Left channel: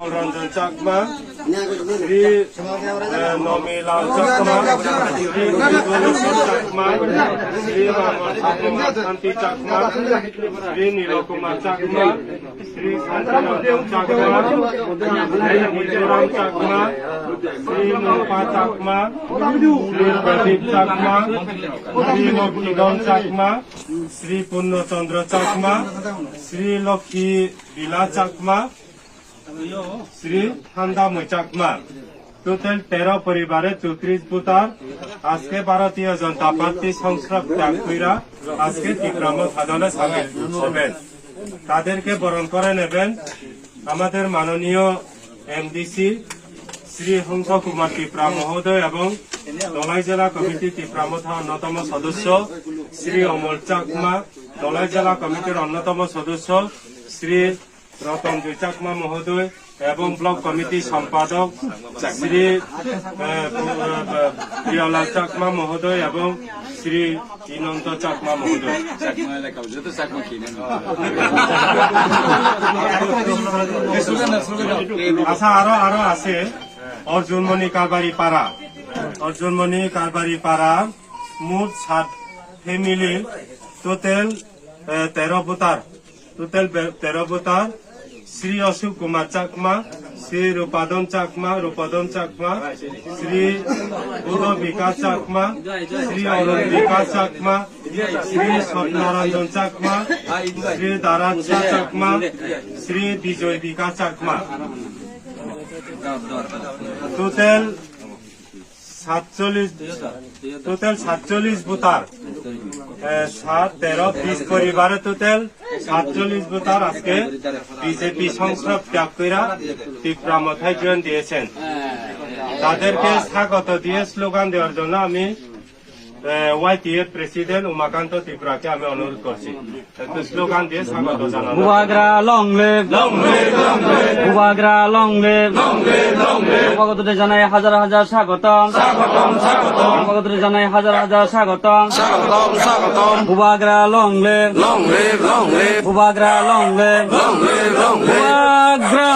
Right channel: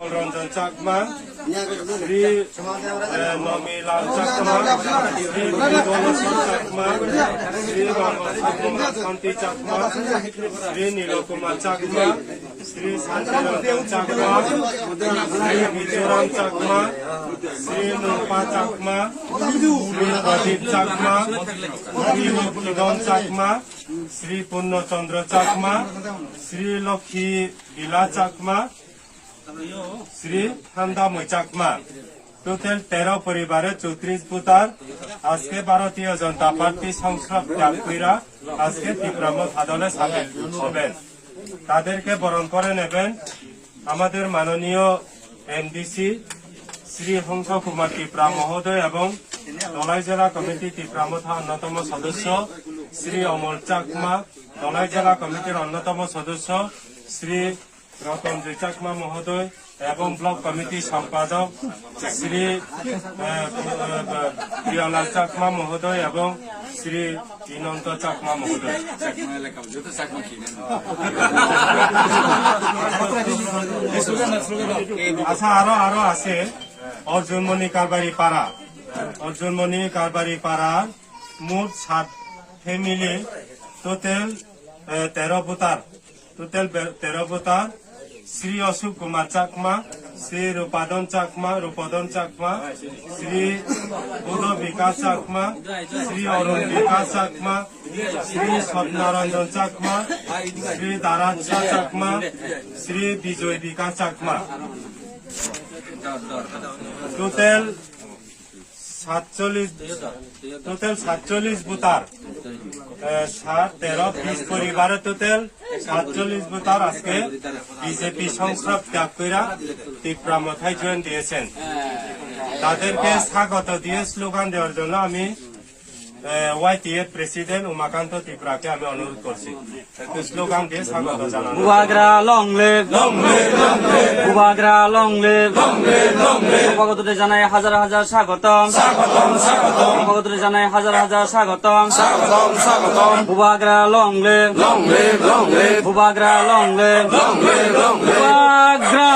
রঞ্জন চাকমা, শ্রী নমিলাল চাকমা, শ্রী গণেশ্বর চাকমা, শ্রী শান্তি চাকমা, শ্রী নীলকুমার চাকমা, শ্রী শান্তিরঞ্জন চাকমা, শ্রী মিজোরাম চাকমা, শ্রী নুপা চাকমা, শ্রী প্রদীপ চাকমা, শ্রী নবীন চাকমা, শ্রী পূর্ণচন্দ্র চাকমা, শ্রী লক্ষ্মী বিলা চাকমা, শ্রী হান্দামুই চাকমা। টোটাল 13 পরিবারের 34 ভোটার আজকে ভারতীয় জনতা পার্টি সংসদ ত্যাগ কইরা আজকে তীব্রামত আদালে সামিল হবেন। তাদেরকে বরণ করে নেবেন আমাদের মাননীয় এমডিসি শ্রী হংস কুমার ত্রিপুরা মহোদয় এবং দলাই জেলা কমিটি ত্রিপুরামথা অন্যতম সদস্য শ্রী অমল চাকমা, দলাই জেলা কমিটির অন্যতম সদস্য শ্রী রতনজয় চাকমা মহোদয় এবং ব্লক কমিটি সম্পাদক শ্রী প্রিয়লাল চাকমা মহোদয় এবং শ্রী ইনন্ত চাকমা মহোদয়। আচ্ছা, আরো আছে অর্জুনমণি কারবারি পাড়া, অর্জুনমণি কারবারি পাড়া মোট 7 family, total 13 voter, total 13 voter. Shri Ashok Kumar Chakma, Shri Rupadam Chakma, Shri Budh Bikash Chakma, Shri Arun Bikash Chakma, Shri Satyanarayan Chakma, Shri Daraj Chakma, Shri Bijoy Bikash Chakma. Total 47 voter, 7, 13, 20 পরিবারে টোটাল 47 ভোটার আজকে বিজেপি সংসদ ত্যাগ কইরা তীব্রামথায় জয়েন দিয়েছেন। তাদেরকে স্বাগত দিয়ে স্লোগান দেওয়ার জন্য আমি ওয়াইটিএফ প্রেসিডেন্ট উমাকান্ত ত্রিপুরাকে আমি অনুরোধ করছি একটু স্লোগান দিয়ে স্বাগত জানানো। বুবাগ্রা লং লিভ, বুবাগ্রা লং লিভ, স্বাগতরে জানাই হাজার হাজার স্বাগতম, স্বাগতরে জানাই হাজার হাজার স্বাগতম, বুবাগ্রা লং লিভ, বুবাগ্রা লং লিভ, বুবাগ্রা।